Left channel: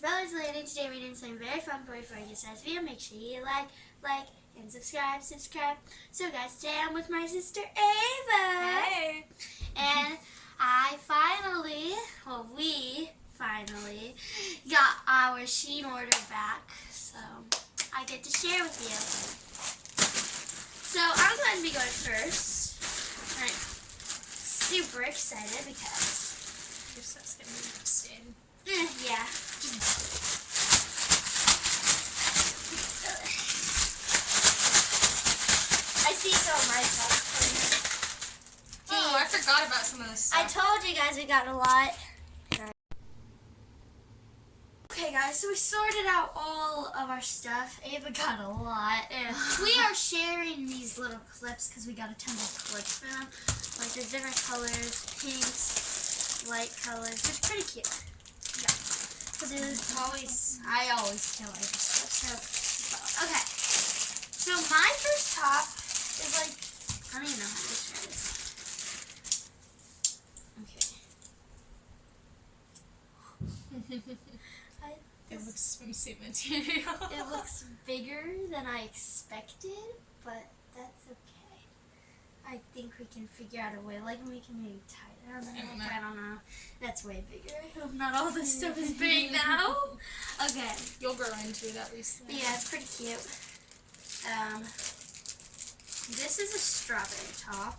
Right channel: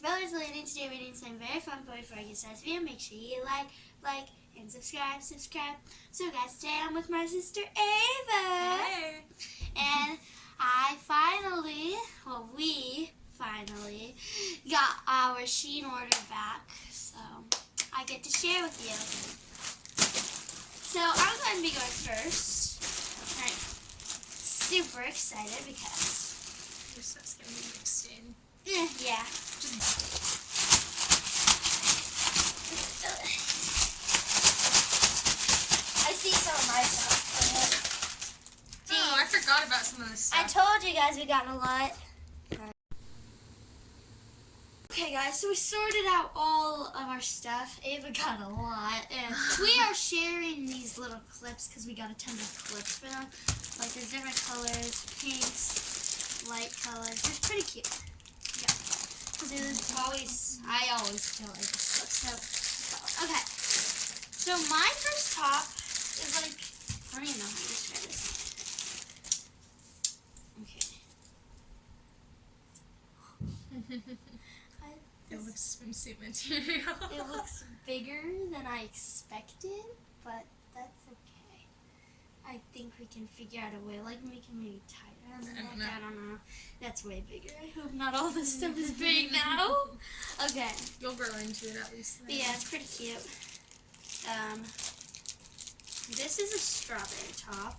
Brothers Lady. Today we're doing something very fun, but before I get started this video, make sure you like, and subscribe. So guys, today I'm with my sister Ava. Hey! And we finally got our SHEIN order back, so I get to share with you. So I'm going to be going first. I'm super excited because Your stuff's gonna be mixed in. yeah. I see some of my stuff. Oh, I forgot about some of this I stuff. told you guys we got a lot. Okay guys, so we sorted out all of our stuff. Ava got a lot. And we are sharing these little clips because we got a ton of clips for them. Like there's different colors, pinks, light colors. It's pretty cute. Yeah. So I always feel like this stuff. So, okay. So my first top is like, I don't even know how to describe this. Okay. It looks swimsuit material. It looks bigger than I expected, but that's okay. I think we can figure out a way. Like, we can maybe tie it on the neck. I don't know. That's way bigger. I hope not all this stuff is big now. Okay. You'll grow into it at least. But yeah, it's pretty cute. This is a strawberry top.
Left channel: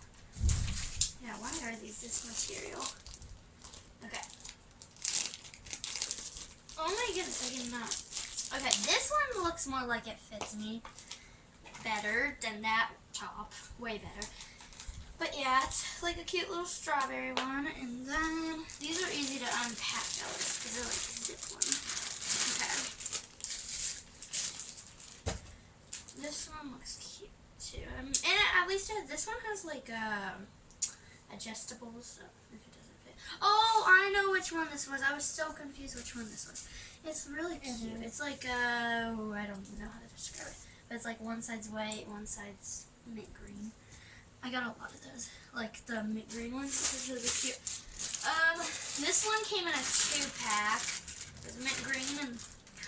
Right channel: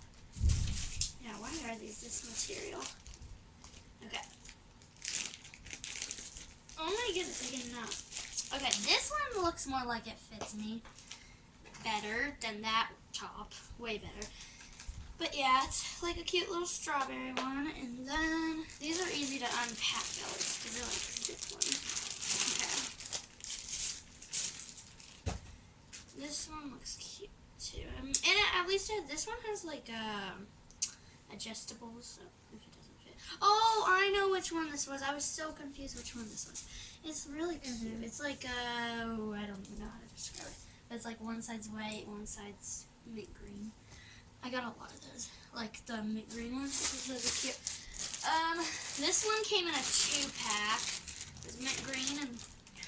Yeah, why are these this material? Okay. Oh my goodness, I did not. Okay, this one looks more like it fits me better than that top. Way better. But yeah, it's like a cute little strawberry one. And then these are easy to unpack though, because they're like zip ones. Okay. This one looks cute too. And at least this one has like adjustable, so if it doesn't fit. Oh, I know which one this was. I was so confused which one this was. It's really cute. It's like I don't even know how to describe it. But it's like one side's white, one side's mint green. I got a lot of those. Like the mint green ones. This is really cute. This one came in a 2-pack. There's mint green and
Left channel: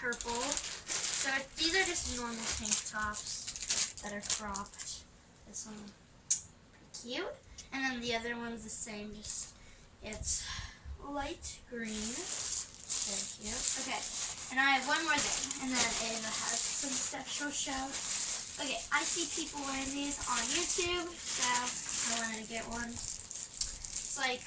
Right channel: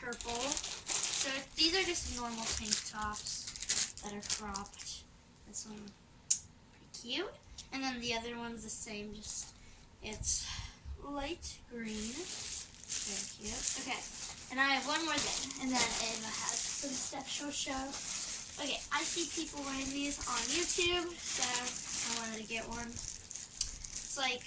purple. So these are just normal tank tops that are cropped. This one pretty cute. And then the other one's the same, just it's light green. Very cute. Okay, and I have one more thing, and then Ava has some stuff she'll show. Okay, I see people wearing these on YouTube, so I wanted to get one. It's like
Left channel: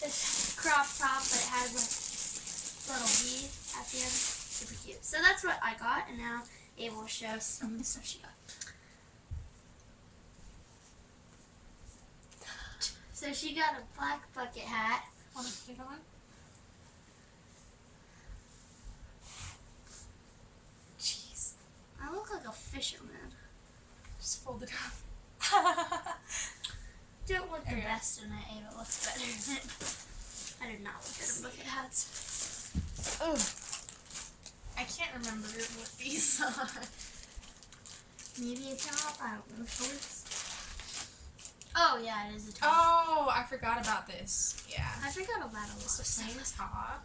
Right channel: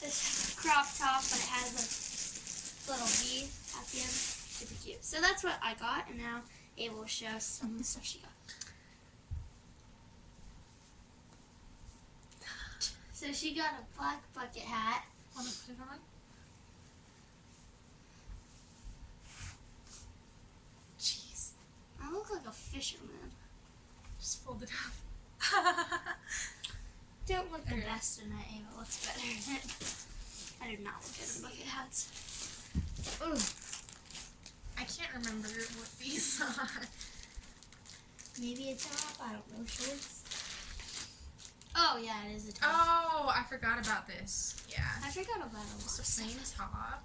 this crop top, but it has like a little V at the end. Super cute. So that's what I got, and now Ava will show some of the stuff she got. So she got a black bucket hat. Want to put it on? Jeez. I look like a fisherman. Just fold it up. Don't look the best in it, Ava looks better in it. I do not look good in bucket hats. Oh. I can't remember what these are. Maybe a top, I don't know, shorts. Oh yeah, it is a top. Oh, I forgot about this. Yeah. I forgot about a lot It's the of same stuff. top.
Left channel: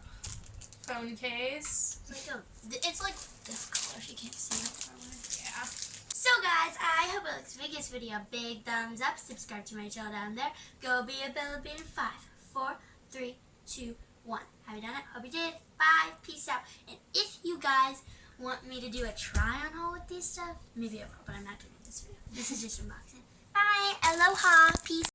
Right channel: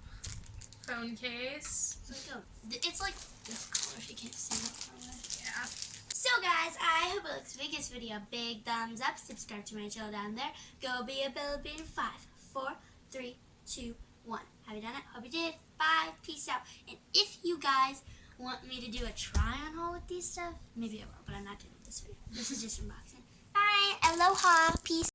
Phone case. It's like this color, if you can't see it far away. Yeah. So guys, I hope it looks big. This video, big thumbs up. Subscribe to my channel down there. Go be a Philippine in 5, 4, 3, 2, 1. Have you done it? Hope you did. Bye. Peace out. And if you guys want me to do a try-on haul with these stuff, maybe I will, but I'm not doing it this video. This is just unboxing. Bye. Aloha. Peace.